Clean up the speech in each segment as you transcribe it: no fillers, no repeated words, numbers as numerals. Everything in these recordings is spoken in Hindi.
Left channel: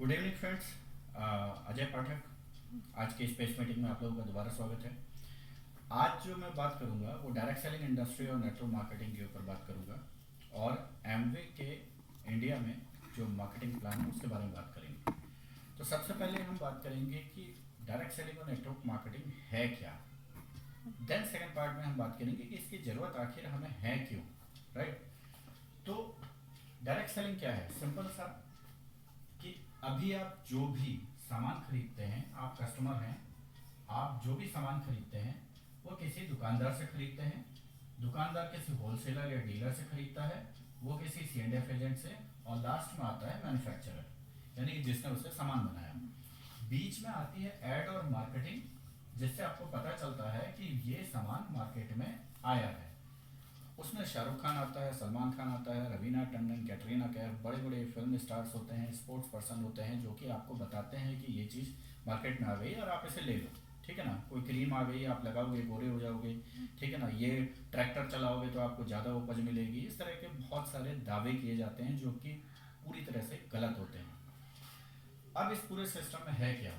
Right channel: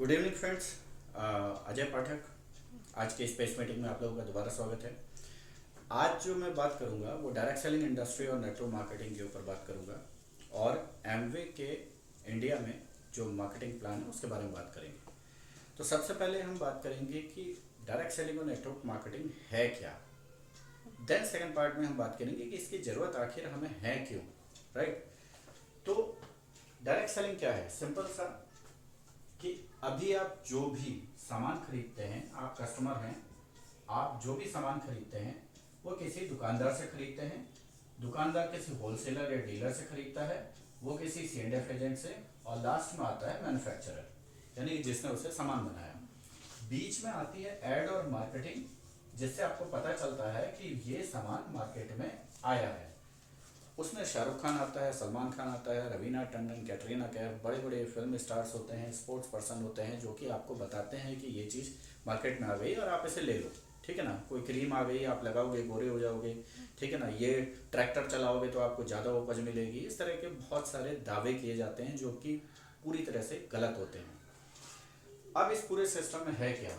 Good evening friends. Ajay Pathak. आज के स्पेस मीटिंग में आप लोगों का दोबारा स्वागत है। आज जो मैं बात करूंगा वो डायरेक्ट सेलिंग इंडस्ट्री और नेटवर्क मार्केटिंग के ऊपर बात करूंगा और एमवे के इंडिया में जो मार्केटिंग प्लान है उसके बारे में बात करेंगे। तो सबसे पहले हम बात करेंगे कि डायरेक्ट सेलिंग और नेटवर्क मार्केटिंग है क्या। देन सेकंड पार्ट में हम बात करेंगे कि इसकी ज़रूरत आखिर हमें है क्यों। राइट। तो डायरेक्ट सेलिंग क्या है? सिंपल सा कि अभी आप जो भी सामान खरीदते हैं, आप कस्टमर हैं, आप जो भी सामान खरीदते हैं वो किसी दुकानदार से खरीदते हैं। दुकानदार किसी होलसेलर या डीलर से खरीदता है, वो किसी C&F एजेंट से, और लास्ट में आता है मैन्युफैक्चरर, यानी कि जिसने उसे सामान बनाया। बीच में आती है एड और मार्केटिंग, जिससे आपको पता चलता है कि ये सामान मार्केट में आया है। उसमें शाहरुख खान आता है, सलमान खान आता है, रवीना टंडन, कैटरीना कैफ, बड़े बड़े फिल्म स्टार्स होते हैं, स्पोर्ट्स पर्सन होते हैं, जो कि आपको बताते हैं कि ये चीज़ मार्केट में आ गई और आप इसे ले लो। ठीक है ना। कोई क्रीम आ गई, आप लगाओगे गोरे हो जाओगे। ठीक है ना। ये ट्रैक्टर चलाओगे तो आपको ज़्यादा उपज मिलेगी। इस तरह के बहुत सारे दावे किए जाते हैं जो कि पूरी तरह से गलत होते हैं। अब इस पूरे सिस्टम में है क्या?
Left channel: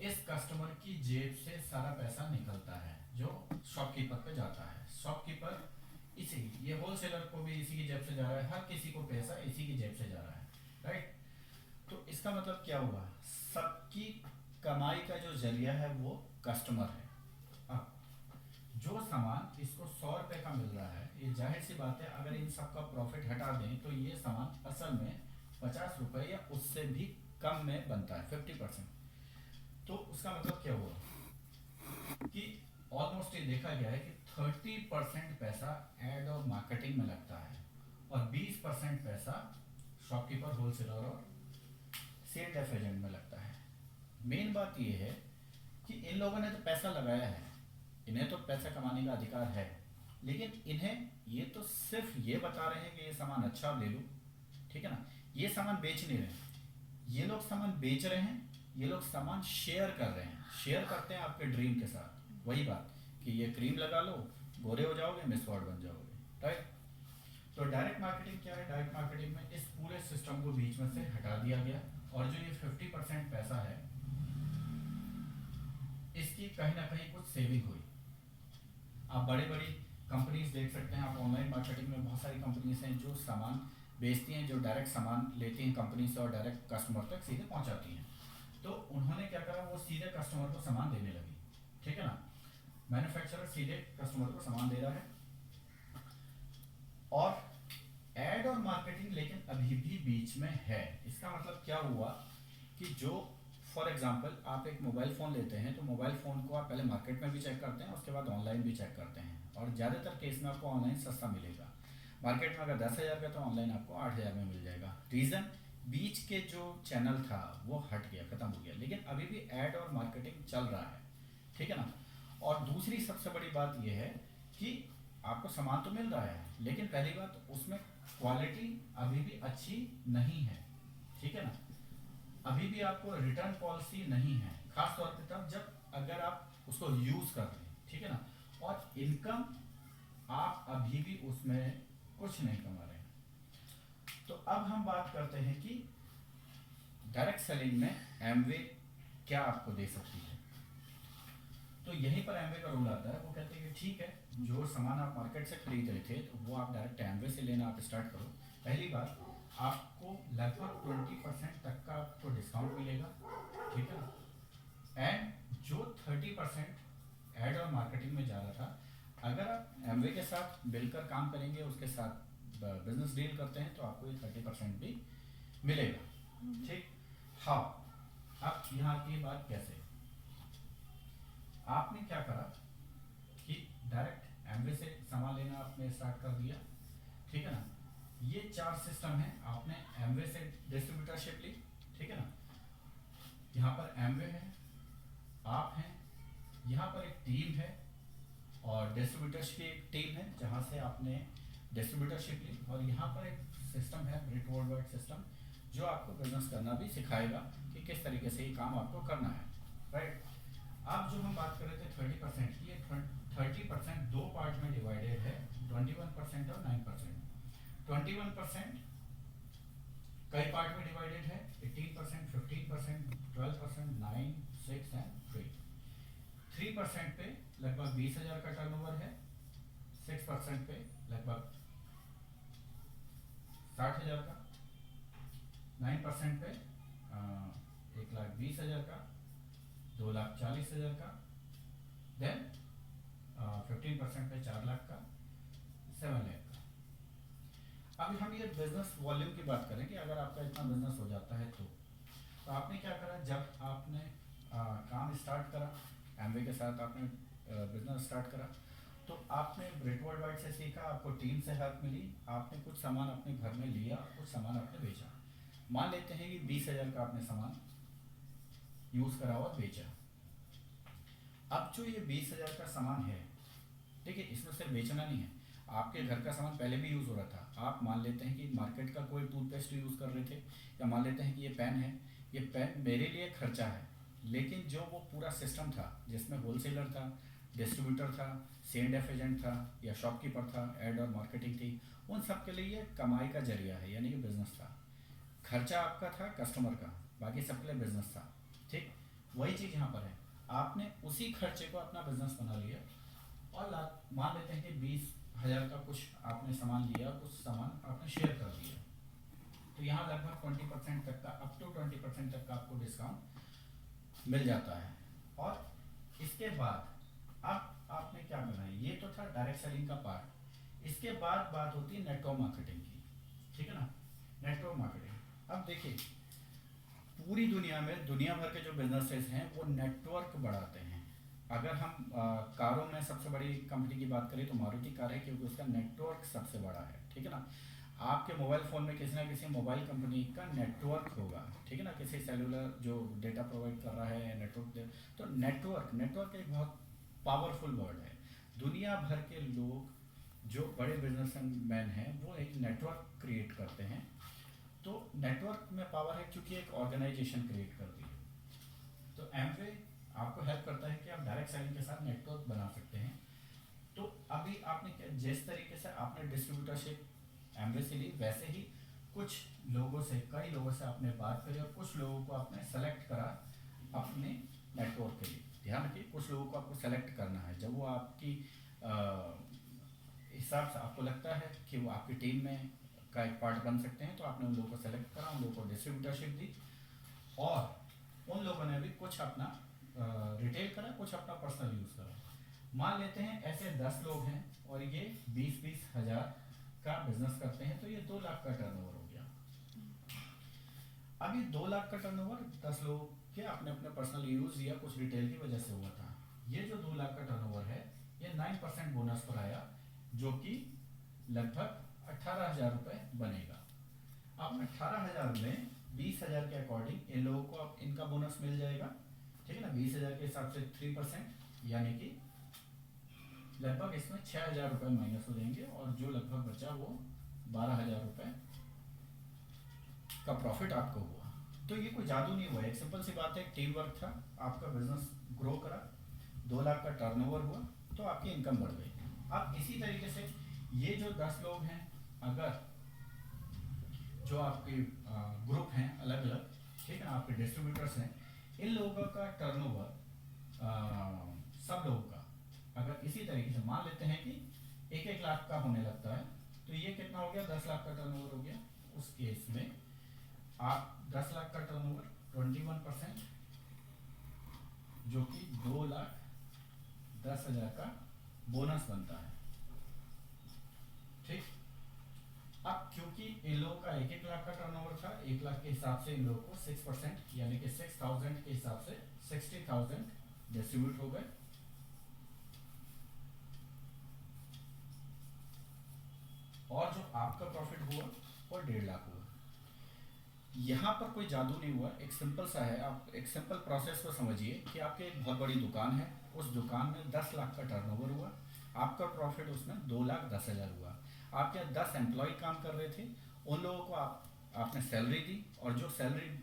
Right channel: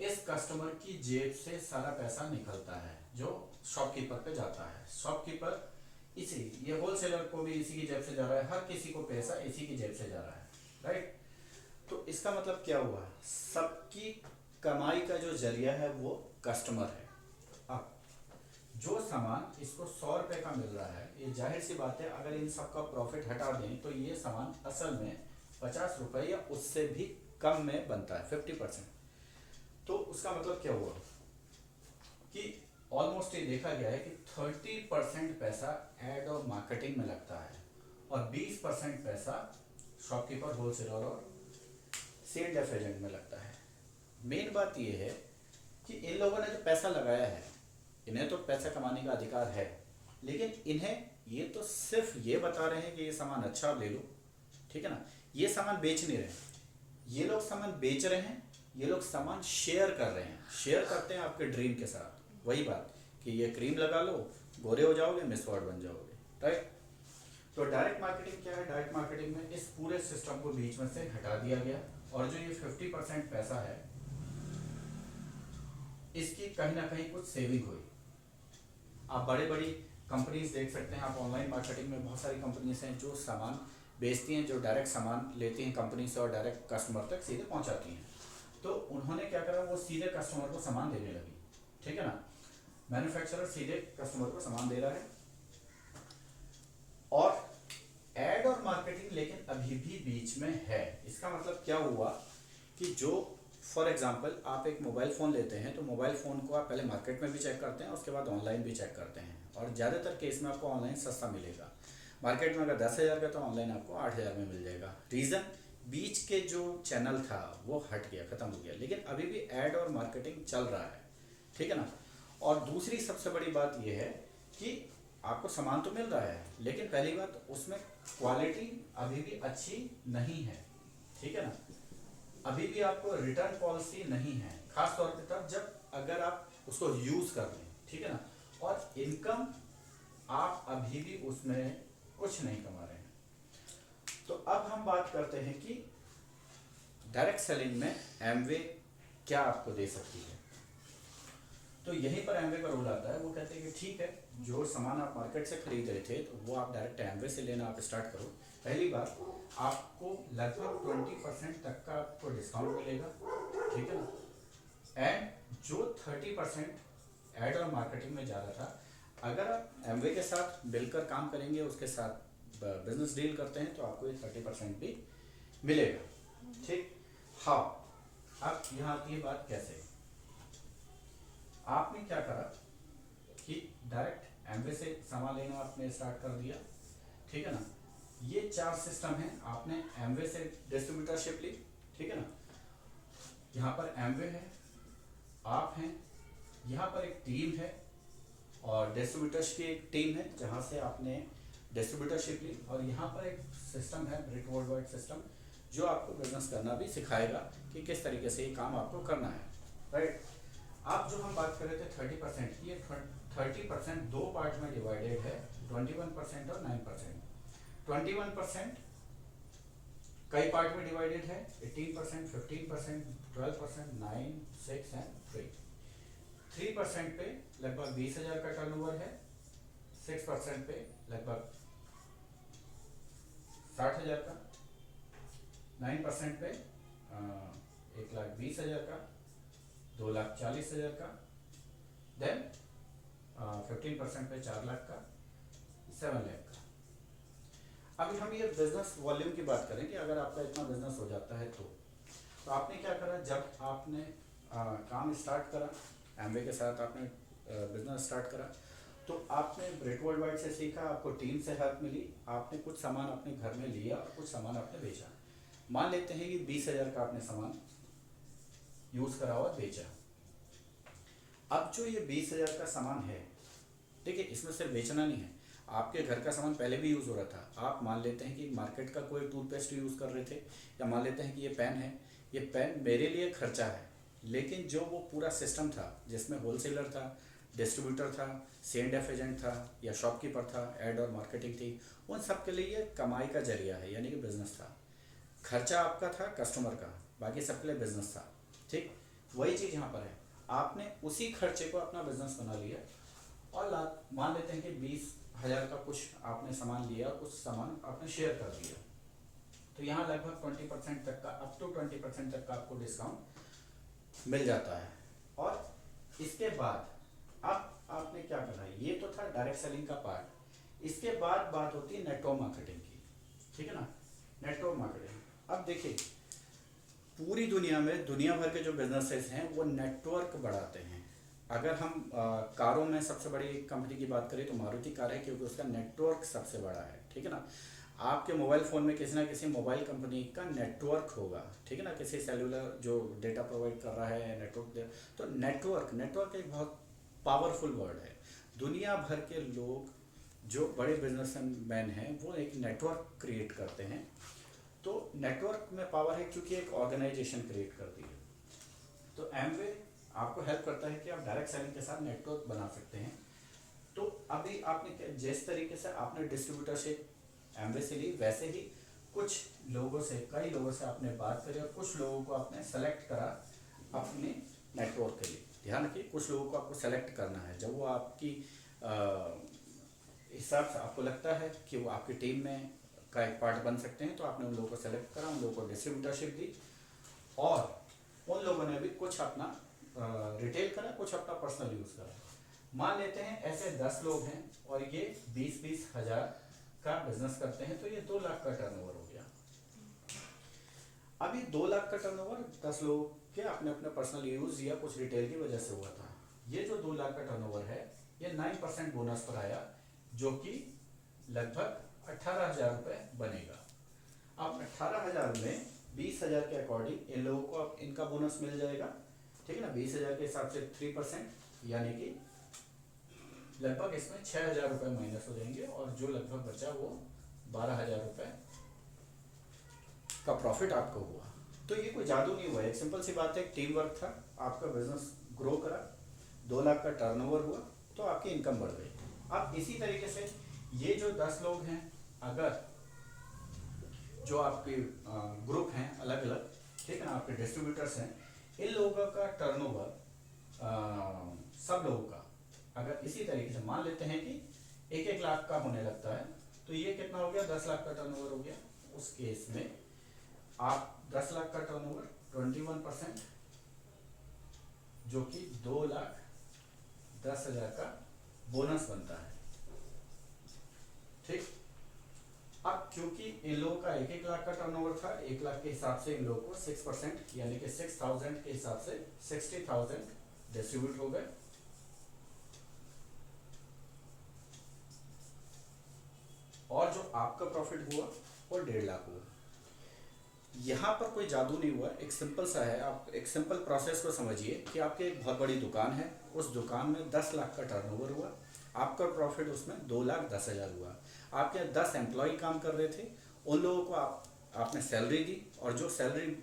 इस कस्टमर की जेब से सारा पैसा निकलता है जो शॉपकीपर पे जाता है। शॉपकीपर इसी, ये होलसेलर को भी इसी की जेब से जा रहा है, हर किसी को पैसा इसी की जेब से जा रहा है। राइट। तो इसका मतलब क्या हुआ? सबकी कमाई का जो जरिया है वो कस्टमर है। अब जो सामान इसको 100 रुपए का मिल रहा है, ये जाहिर सी बात है अगर इन सब का प्रॉफिट हटा दें तो ये सामान असल में 50 रुपए या उससे भी कम में बनता है, 50%। तो उसका मतलब क्या हुआ कि ऑलमोस्ट ये देखा गया है कि 30% पैसा एड और मार्केटिंग में लगता है और 20% पैसा शॉपकीपर, होलसेलर और C&F एजेंट में लगता है। मेन बात ये है कि इन लोगों ने जो पैसा लगाया है, इन्हें तो पैसा कमाने का अधिकार है, लेकिन इन्हें ये तो सिर्फ ये बता रहे हैं कि ये सामान अच्छा ले लो। ठीक है ना। ये सामान बेच नहीं रहे, ये लोग सामान बेच रहे हैं, ये लोग सामान शेयर कर रहे हैं, शेयर करते हैं आपके ड्रीम के साथ। वही बात कि ये क्रीम लगा लो, गोरे हो जाओगे, मिसवर्ड बन जाओगे। राइट। तो डायरेक्ट मार्केटिंग क्या है? डायरेक्ट मार्केटिंग में इस पूरे सिस्टम को बीच में से हटा दिया गया और जो ये 50% पैसा है इसकी कहीं ना कहीं कुछ सेविंग हुई। आप बड़ी बड़ी कंपनीज देख सकते हैं, आप ऑनलाइन मार्केटिंग में बहुत सारी कंपनीज हैं जो सामान बेचती हैं, जो डायरेक्ट सामान लेती हैं कंपनी से और डायरेक्ट कस्टमर तक सीधे पहुंचाती हैं। तो उन्होंने क्या करा, वो सीधे कस्टमर को सामान देने लगी। ठीक है ना। मैन्युफैक्चरर सीधे कस्टमर को सामान दे रहा है और एड और मार्केटिंग लेकिन अभी भी बीच में है। इसका मतलब क्या हुआ कि जो फॉर एग्जांपल आप एक मोबाइल फ़ोन लेते हैं तो मोबाइल फ़ोन को आप पहले मार्केट में भी चेक करते हैं, उसके बाद ऑनलाइन भी चेक करते हैं, और ज़्यादातर केस में आपको ऑनलाइन सस्ता मिलेगा। मार्केट में अगर 10,000 का तो ऑनलाइन आपको 8,000 में मिल जाएगा। रीज़न, बीच के जो चैनल था वो हट गया, ख़त्म हो गया, लेकिन अभी भी एड और मार्केटिंग चल रहा है। ठीक है ना। और दूसरी सबसे बड़ी बात यह है कि आपको सामान तो मिल रहा है, लेकिन पहली बात उसमें क्वालिटी अभी भी अच्छी नहीं है। ठीक है ना। अभी भी आपको रिटर्न पॉलिसी नहीं है, खास तौर पे तब जब अगर आप उसको यूज कर लें। ठीक है ना। और इनकम आप अभी भी उसमें कुछ नहीं कमा रहे हैं। तो अब हम बात करते हैं कि डायरेक्ट सेलिंग में एमवे क्या आपको दे सकती है। तो यहीं पर एमवे का रोल आता है। वो कहते हैं कि ठीक है, जो सामान आप मार्केट से खरीद रहे थे तो वो आप डायरेक्ट एमवे से लेना आप स्टार्ट करो। पहली बात, आपको लगभग 20% तक का आपको डिस्काउंट मिलेगा। ठीक है ना। एंड जो 30% एड और मार्केटिंग में जा रहा था, अगर आप एमवे के साथ मिलकर काम करेंगे, उसके साथ बिजनेस डील करते हैं, तो आपको ये 30% भी मिलेगा। ठीक। हाँ। अब यहाँ आती है बात कैसे। आपने क्या करा कि डायरेक्ट एमवे से सामान लेना आपने स्टार्ट कर दिया। ठीक है ना। ये 4 सिस्टम है। आपने एमवे से डिस्ट्रीब्यूटरशिप ली। ठीक है ना। यहाँ पर एमवे है, आप हैं, यहाँ पर एक टीम है और डिस्ट्रीब्यूटर्स की एक टीम है जहाँ से आपने डिस्ट्रीब्यूटरशिप ली, और यहाँ पर एक सिस्टम है ब्रिक वर्ल्ड वाइड सिस्टम, जो आपको बिजनेस करना भी सिखाएगा कि किस तरीके से ये काम आपको करना है। राइट। अब जो हम बात कर रहे थे 30% की, ये 30% दो पार्ट में डिवाइडेड है, 21% और 9%। 21% कई पार्ट में डिवाइडेड है, 18%, 15%, 12%, 9, 6 एंड 3। 3% पे लगभग 20,000 का टर्नओवर है, 6% पे लगभग 60,000 का, 9% पे 1,20,000 का, 2,40,000 का, देन 15% पे 4 लाख का, 7 लाख का। अभी हम ये बिजनेस वॉल्यूम की बात करें कि अगर आपका इतना बिजनेस हो जाता है तो आपने क्या करा, जब आपने काम स्टार्ट करा एमवे के साथ, आपने बिजनेस स्टार्ट करा, तो आपने ब्रेट वर्ल्ड वाइड से सीखा, आपको टीम से हेल्प मिली, आपने कुछ सामान अपने घर में लिया और कुछ सामान आपने बेचा। मान लेते हैं कि 20,000 का आपने सामान यूज़ करा और बेचा। अब जो ये 20,000 का सामान है, ठीक है, इसमें सिर्फ बेचना नहीं है, आपके घर का सामान पहले भी यूज़ हो रहा था। आप मान लेते हैं कि मार्केट का कोई टूथपेस्ट यूज़ कर रहे थे, या मान लेते हैं कि ये पेन है, ये पेन मेरे लिए खर्चा है, लेकिन जो वो पूरा सिस्टम था जिसमें होलसेलर था, डिस्ट्रीब्यूटर था, C&F एजेंट था, या शॉपकीपर था, एड और मार्केटिंग थी, उन सब के लिए ये कमाई का जरिया है, यानी कि बिजनेस था। खर्चा आपका था कस्टमर का, बाकी सबके लिए बिजनेस था। ठीक वही चीज़ यहाँ पर है, आपने उसी खर्चे को अपना बिजनेस बना लिया और मान लेते हैं कि 20,000 का कुछ आपने सामान लिया, कुछ सामान आपने शेयर कर दिया, तो यहाँ लगभग 20% तक का, अप टू 20% तक का आपको डिस्काउंट मिल जाता है। और इसके बाद अब आपने क्या करना है, ये तो था डायरेक्ट सेलिंग का पार्ट। इसके बाद बात होती है नेटवर्क मार्केटिंग की, ठीक है ना, नेटवर्क मार्केटिंग। अब देखिए, पूरी दुनिया में दुनिया भर के जो बिजनेसेस हैं वो नेटवर्क बढ़ाते हैं। अगर हम कारों में सबसे बड़ी कंपनी की बात करें तो मारुति कार है, क्योंकि उसका नेटवर्क सबसे बड़ा है, ठीक है ना। आपके मोबाइल फ़ोन में किसी ना किसी मोबाइल कंपनी का नेटवर्क होगा, ठीक है ना, किसी सेलुलर जो डेटा प्रोवाइड कर रहा है नेटवर्क। तो नेटवर्क नेटवर्क एक बहुत पावरफुल वर्ड है। दुनिया भर के लोग जो बड़े बिजनेसमैन हैं वो एक नेटवर्क क्रिएट करते हैं। तो नेटवर्क में पावर है क्योंकि एक ऑर्गेनाइजेशन क्रिएट करती है। तो एमवे आपको हेल्प करता है कि आप डायरेक्ट सेलिंग के साथ नेटवर्क बना सकते हैं। तो अभी आपने जिस तरीके से आपने डिस्ट्रीब्यूटरशिप एमवे से ली, वैसे ही कुछ लोगों से, कई लोगों से आपने बात करी और कुछ लोगों को आपने सेलेक्ट करा अपने नेटवर्क के लिए। ध्यान रखिए, कुछ लोगों को आपको सेलेक्ट करना है। जब वो आपकी हिसाब से आपको लगता है कि वो आपकी टीम में का एक पार्ट बन सकते हैं, तो आपने उन लोगों को सेलेक्ट करा, उन लोगों को डिस्ट्रीब्यूटरशिप दी, और उन लोगों ने भी कुछ अपना रिटेल करा, कुछ अपना पर्सनल यूज़ करा। मान लेते हैं ऐसे 10 लोग हैं और ये 20-20 हज़ार का बिजनेस करते हैं, तो ये 2 लाख का टर्नओवर हो गया। अभी 2 लाख का टर्नओवर 10 लोग के अपने अपने पर्सनल यूज़ या कुछ रिटेल की वजह से हुआ था। ये जो 2 लाख का टर्नओवर है, ये 9% बोनस पर आया, जो कि लगभग 18,000 रुपये बनेगा। अब 18,000 में 20,000 के अकॉर्डिंग इन लोगों को अब इनका बोनस मिल जाएगा, ठीक है ना। 20,000 के हिसाब से 3%, यानी कि लगभग इसमें 6,000 रुपये माइनस हो जाएंगे, और जो लगभग बचा वो 12,000 रुपये का प्रॉफिट आपको हुआ। तो ये कोई जादू नहीं हुआ, एक सिंपल सी बात है, टीम वर्क था, आपका बिजनेस ग्रो करा, 2 लाख का टर्नओवर हुआ, तो आपकी इनकम बढ़ गई। अब इसी तरीके से ये जो 10 लोग हैं, अगर जो आपके ग्रुप हैं अलग अलग, ठीक है ना, आपके डिस्ट्रीब्यूटर्स हैं, इन लोगों का टर्नओवर सब लोगों का अगर इसी तरीके से मान लेते हैं कि 1-1 लाख का होने लगता है, तो ये कितना हो गया, 10 लाख का टर्नओवर हो गया। उस केस में आप 10 लाख का टर्नओवर 21%, जो कि 2,10,000 का बोनस बनता है, ठीक। अब क्योंकि इन लोगों का 1-1 लाख का टर्नओवर था, 1 लाख के हिसाब से इन लोगों को 6%, यानी कि 6,000 के हिसाब से 60,000 डिस्ट्रीब्यूट हो गए, और जो आपका प्रॉफिट हुआ वो 1.5 लाख हुआ। यहाँ पर कोई जादू नहीं हुआ, एक सिंपल सा है, आप एक सिंपल प्रोसेस को समझिए कि आपकी एक बहुत बड़ी दुकान है, उस दुकान में 10 लाख का टर्नओवर हुआ, आपका प्रॉफिट उसमें 2,10,000 हुआ। आपके 10 एम्प्लॉय काम कर रहे थे, उन लोगों को आपने सैलरी दी, और जो सैलरी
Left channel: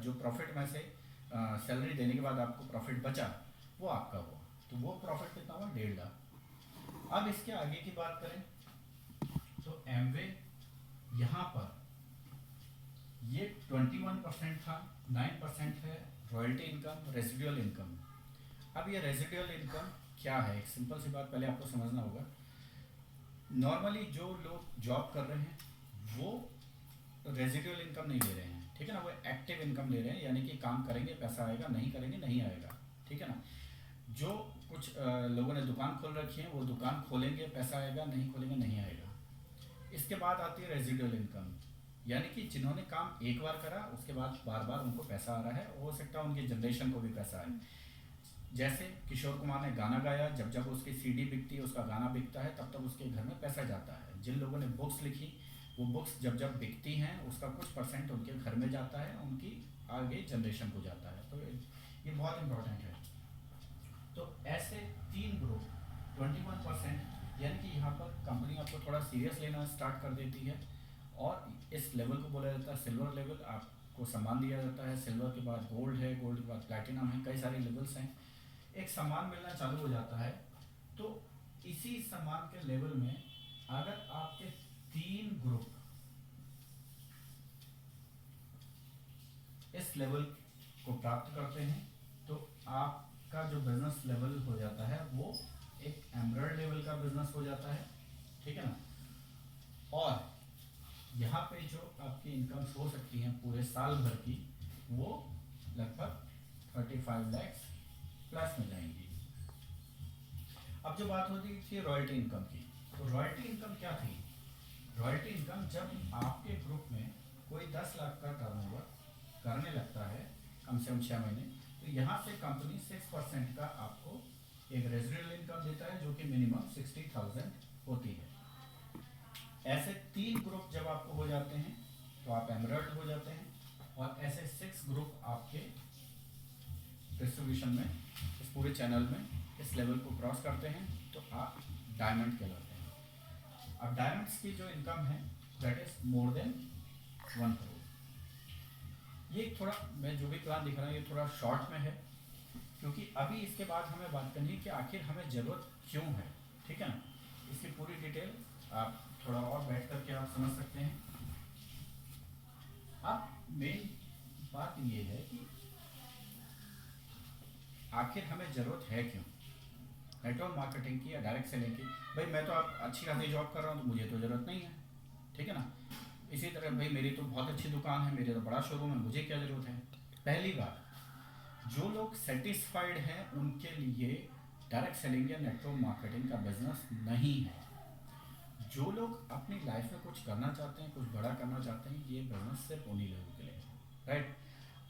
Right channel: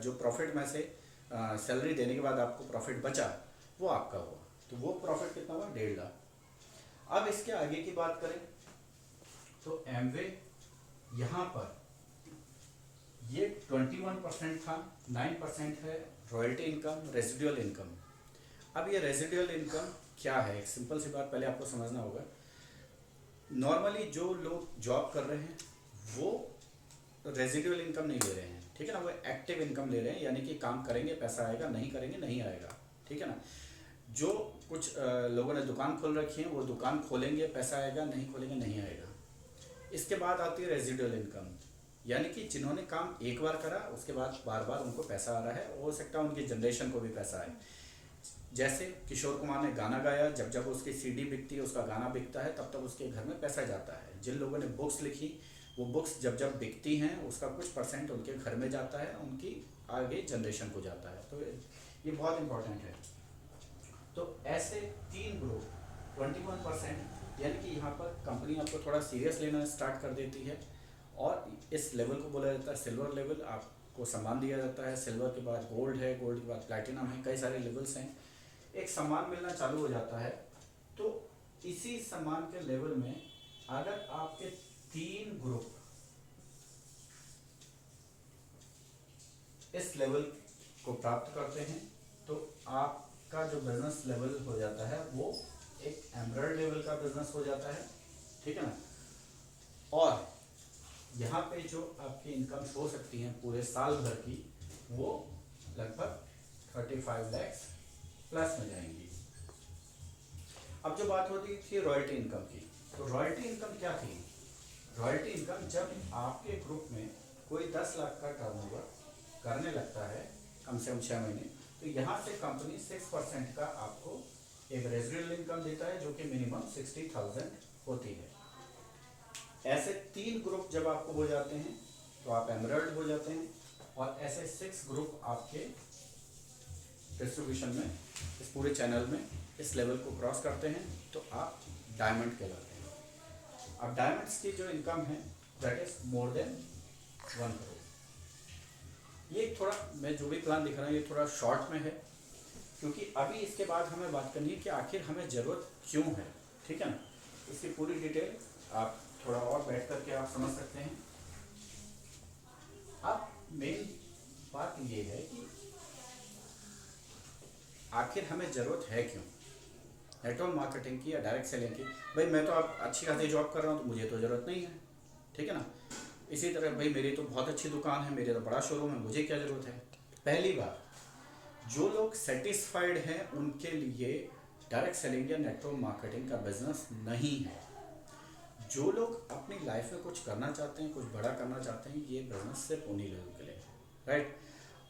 जो प्रॉफिट में से सैलरी देने के बाद आपको प्रॉफिट बचा वो आपका हुआ। तो वो प्रॉफिट कितना हुआ, 1.5 लाख। अब इसके आगे की बात करें तो एमवे यहाँ पर ये 21% था, 9% है रॉयल्टी इनकम, रेसिडुअल इनकम। अब ये रेसिडुअल इनकम क्या है, एक सिंपल सी बात पहले आपको समझना होगा। नॉर्मली जो लोग जॉब कर रहे हैं वो रेसिडुअल इनकम नहीं ले रहे हैं, ठीक है ना, वो एक्टिव इनकम ले रहे हैं, यानी कि काम करेंगे पैसा आएगा, नहीं करेंगे नहीं आएगा, ठीक है ना। जो कुछ लोगों ने दुकान खोल रखी है वो दुकान खोलेंगे पैसा आएगा, नहीं खोलेंगे नहीं आएगा। इसके बाद आती है रेसिडुअल इनकम, यानी कि जिन्होंने काम एक बार करा उसके बाद बार बार उनको पैसा आ रहा है, हो सकता है उनकी जनरेशन को भी पैसा आए। जैसे किशोर कुमार ने गाना गाया, जब जब उसकी सीडी बिकती है, उसका गाना बिकता है, तब तब उसके घर में पैसा जाता है। जिन लोगों ने बुक्स लिखी, वो बुक्स जब जब बिकती हैं उसका कुछ परसेंट उनके घर में जाता है, उनकी आगे जनरेशन को जाता है। तो ये बहुत इंपॉर्टेंट है। तो ऐसे तीन ग्रुप 21%, यानी कि यहाँ पर कंपनी आपको थोड़ा सीरियस लेना स्टार्ट कर देती है, और इस लेवल को बोला जाता है सिल्वर लेवल। आपको सम्मान दिया जाता है, सिल्वर के बाद गोल्ड है, गोल्ड के बाद प्लैटिनम है, कई सारे लेवल्स हैं। एक सम्मान मिलना चालू हो जाता है। तो इसी सम्मान के लेवल में अगर आपके तीन ग्रुप इस लेवल को प्राप्त करते हैं तो आपका जो बिजनेस लेवल हो जाता है वो एक एमरल्ड लेवल का बिजनेस हो जाता है, ठीक है ना। और यहाँ पे जो आपकी इनकम हो सकती है पूरे साल भर की, वो लगभग 35 लाख प्लस में जाएंगी। अब जो बात होती थी रॉयल्टी इनकम की, तो रॉयल्टी इनकम क्या थी? रॉयल्टी इनकम जब आपके ग्रुप में कोई 10 लाख का टर्नओवर करने लगता है कम से कम 6 महीने, तो यहाँ से कंपनी 6% का आपको एक रेजिडुअल इनकम देता है, जो कि मिनिमम 60,000 होती है। ऐसे तीन ग्रुप जब आपको हो जाते हैं तो आप एमरल्ड हो जाते हैं, और ऐसे 6 ग्रुप आपके डिस्ट्रीब्यूशन में इस पूरे चैनल में इस लेवल को क्रॉस करते हैं तो आप डायमंड कहलाते हैं। अब डायमंड्स की जो इनकम है that is more than 1 crore. ये थोड़ा मैं जो भी प्लान दिख रहा हूँ ये थोड़ा शॉर्ट में है, क्योंकि अभी इसके बाद हमें बात करनी है कि आखिर हमें ज़रूरत क्यों है, ठीक है ना। इसकी पूरी डिटेल आप थोड़ा और बैठ करके आप समझ सकते हैं। अब मेन बात ये है कि आखिर हमें ज़रूरत है क्यों नेटवर्क मार्केटिंग की या डायरेक्ट सेलिंग की। भाई मैं तो आप अच्छी खासी जॉब कर रहा हूँ तो मुझे तो ज़रूरत नहीं है, ठीक है ना। इसी तरह भाई मेरी तो बहुत अच्छी दुकान है, मेरे तो बड़ा शोरूम है, मुझे क्या ज़रूरत है। पहली बात, जो लोग सेटिस्फाइड हैं उनके लिए डायरेक्ट सेलिंग या नेटवर्क मार्केटिंग का बिजनेस नहीं है। जो लोग अपनी लाइफ में कुछ करना चाहते हैं, कुछ बड़ा करना चाहते हैं, ये बिजनेस सिर्फ उन्हीं लोगों के लिए है, राइट।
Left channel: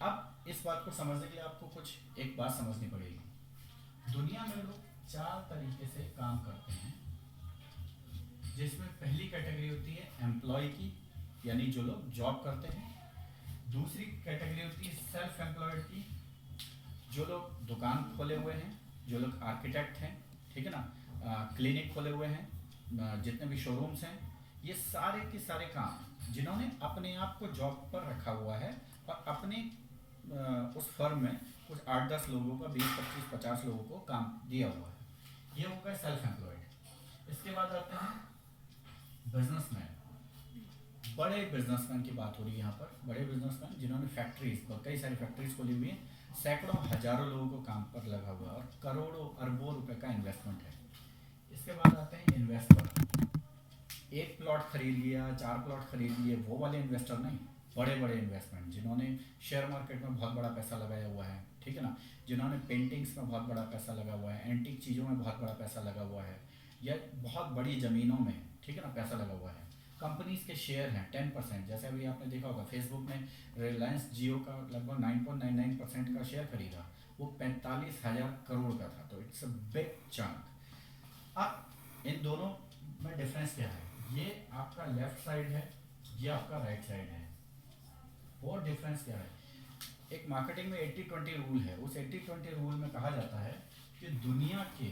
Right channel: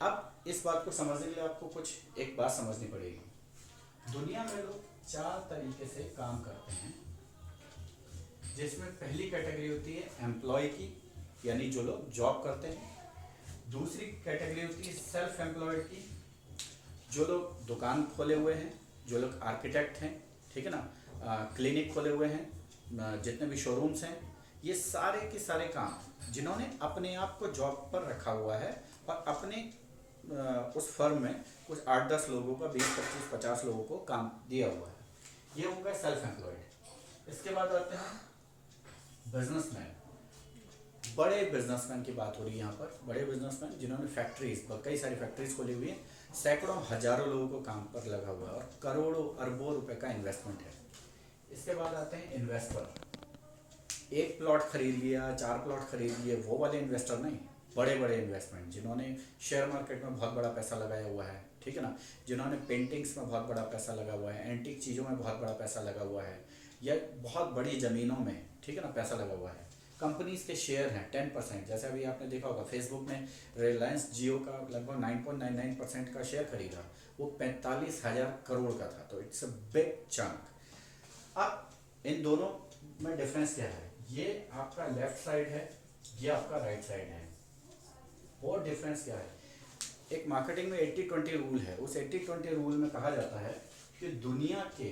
अब इस बात को समझने के लिए आपको कुछ एक बात समझनी पड़ेगी। दुनिया में लोग 4 तरीके से काम करते हैं, जिसमें पहली कैटेगरी होती है एम्प्लॉय की, यानी जो लोग जॉब करते हैं। दूसरी कैटेगरी होती है सेल्फ एम्प्लॉयड की, जो लोग दुकान खोले हुए हैं, जो लोग आर्किटेक्ट हैं, ठीक है ना, क्लिनिक खोले हुए हैं, जितने भी शोरूम्स हैं, ये सारे के सारे काम जिन्होंने अपने आप को जॉब पर रखा हुआ है और अपने उस फर्म में कुछ 8-10 लोगों का 20-25-50 लोगों को काम दिया हुआ है, ये हो गए सेल्फ एम्प्लॉयड। इसके बाद आते हैं बिजनेसमैन। बड़े बिजनेसमैन की बात हो रही है यहाँ पर, बड़े बिजनेसमैन जिन्होंने फैक्ट्रीज, कई सारी फैक्ट्रीज खोली हुई हैं, सैकड़ों हजारों लोगों को काम पर लगा हुआ है और करोड़ों अरबों रुपए का इन्वेस्टमेंट है। इसके बाद आते हैं इन्वेस्टर। एक प्लॉट खरीद लिया, 4 प्लॉट खरीद लिए, वो वाले इन्वेस्टर नहीं। बड़े बड़े इन्वेस्टमेंट जिन्होंने शेयर मार्केट में बहुत बड़ा पैसा लगाया हुआ है, ठीक है ना, जिन्होंने पेंटिंग्स में बहुत बड़ा पैसा लगा हुआ है, एंटीक चीज़ों में बहुत बड़ा पैसा लगा हुआ है, या बहुत बड़ी ज़मीनों में, ठीक है ना, पैसा लगा हुआ है। कंपनीज के शेयर हैं 10%, जैसे अभी आपने देखा होगा फेसबुक ने रिलायंस जियो का लगभग 9.99% का शेयर खरीदा, वो 45,000 करोड़ का था, तो इट्स अ बिग चंक। अब इन दोनों में डिफरेंस क्या है? ये आपका लेफ्ट साइड है, ये आपका राइट साइड है। और डिफरेंस क्या है? एक मार्केटिंग में 80-20 रूल है। उस 80-20 रूल में कहा जाता है कि दुनिया के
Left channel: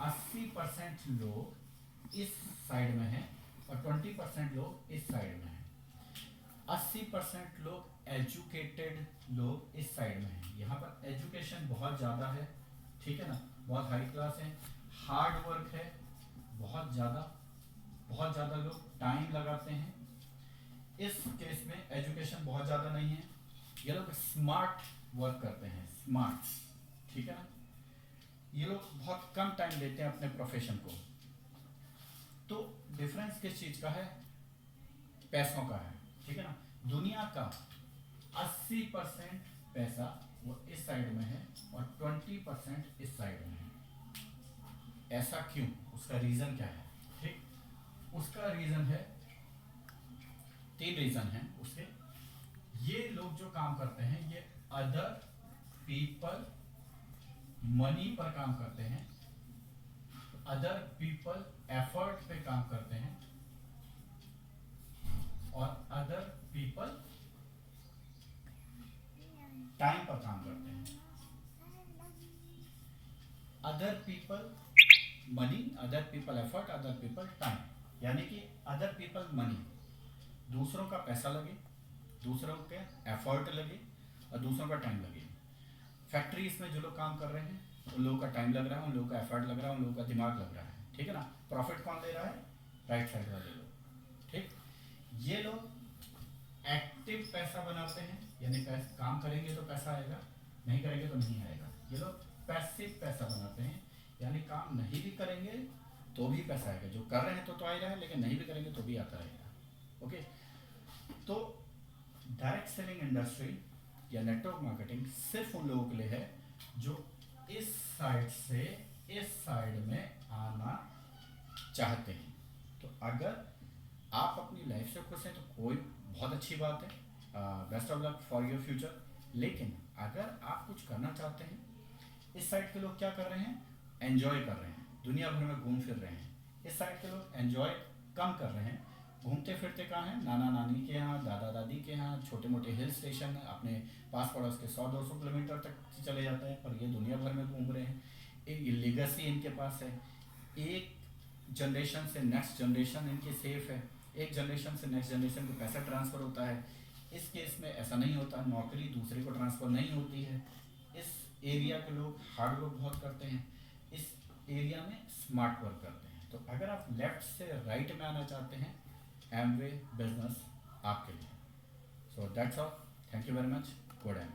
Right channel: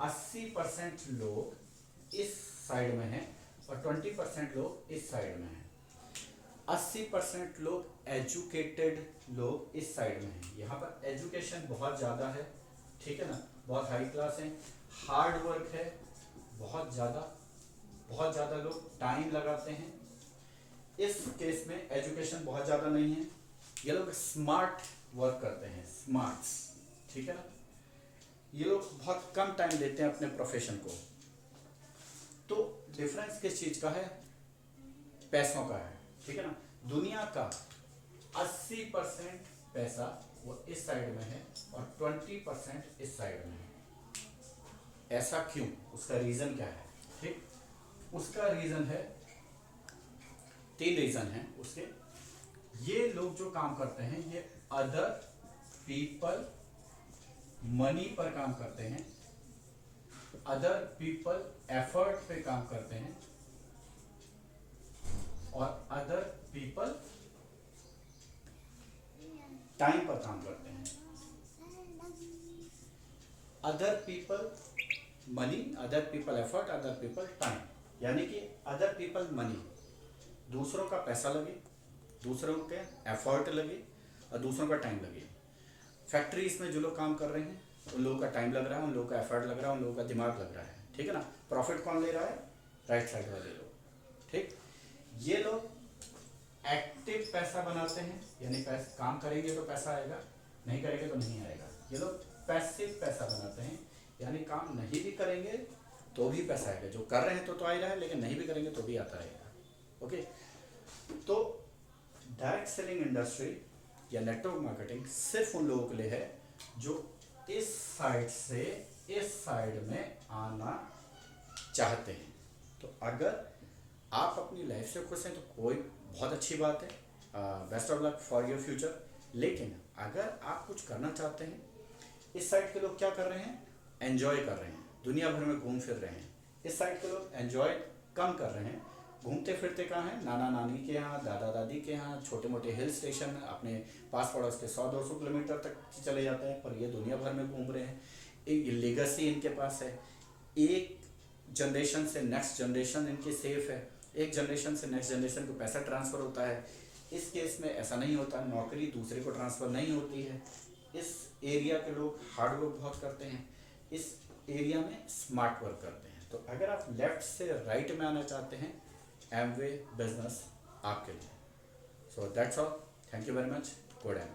80% लोग इस साइड में हैं और 20% लोग इस साइड में हैं। 80% लोग एजुकेटेड लोग इस साइड में हैं। यहाँ पर एजुकेशन बहुत ज़्यादा है, ठीक है ना, बहुत हाई क्लास है, हार्ड वर्क है बहुत ज़्यादा लोग टाइम लगाते हैं। इस केस में एजुकेशन बहुत ज़्यादा नहीं है, ये लोग स्मार्ट वर्क करते हैं, स्मार्ट, ठीक है ना। ये लोग बहुत कम टाइम देते हैं अपने प्रोफेशन को। तो डिफरेंस किस चीज़ का है? पैसों का है, ठीक है ना। दुनिया का 80% पैसा वो इस साइड में है और 20% इस साइड में है। ऐसा क्यों? उसका रीज़न क्या है? ठीक, उसका रीज़न है, 3 रीज़न है उसके। ये लोग जो काम करते हैं ये अदर पीपल मनी पर काम करते हैं, अदर पीपल एफर्ट पे काम करते हैं, और अदर पीपल टाइम पर काम करते हैं। Other people money, other people effort, other people time, यानी कि अदर पीपल मनी, दूसरों का पैसा लगे, दूसरों के एफर्ट लगे और दूसरों का टाइम लगे। फैक्ट्रीज में जो लोग काम कर रहे हैं उन लोगों का टाइम लग रहा है, उन लोगों का एफर्ट लग रहा है, उन लोगों का दिमाग लग रहा है, ठीक है ना। प्रॉफिट कौन ले रहा है? राइट साइड वाले लोग, ठीक। ये लोग एक्टिव पैसा बनाते हैं, यानी काम करेंगे तो पैसा आएगा, नहीं करेंगे तो नहीं आएगा। ये लोग पैसिव पैसा बनाते हैं, यानी काम नहीं भी करेंगे तो भी पैसा आएगा, जो कर रहे हैं तो आ ही रहा है, लेकिन नहीं भी करेंगे तो भी आता रहेगा। ओके, तो डायरेक्ट सेलिंग इंडस्ट्री या नेटवर्क मार्केटिंग सिर्फ उन लोगों के लिए है जो इस साइड से इस साइड में आना चाहते हैं। तो अगर आप अपनी लाइफ से खुश हैं तो कोई बहुत अच्छी बात है, best of luck for your future. लेकिन अगर आप कुछ करना चाहते हैं, इस साइड के लोग क्या कर रहे हैं? एंजॉय कर रहे हैं, दुनिया भर में घूम फिर रहे हैं। इस साइड के लोग एंजॉय कम कर रहे हैं, घूमते फिरते कहाँ हैं? नाना नानी के यहाँ, दादा दादी के यहाँ, छोटे मोटे हिल स्टेशन, अपने पास पड़ोस के 100-200 किलोमीटर तक चले जाते हैं, पर ये दुनिया भर में घूम रहे हैं। एक लेगेसी इनके पास है, एक जनरेशन से नेक्स्ट जनरेशन इनकी सेफ है, एक जनरेशन से नेक्स्ट जनरेशन को पैसा ट्रांसफ़र होता है। इस केस में ऐसा नहीं होता, नौकरी दूसरे को ट्रांसफ़र नहीं होती है। इस एरिया के लोग हार्ड वर्क बहुत करते हैं, इस एरिया में स्मार्ट वर्क करते हैं। तो अगर आप लेफ्ट से राइट में आना चाहते हैं, एमवे बिजनेस आपके लिए। So that's all, thank you very much, good M.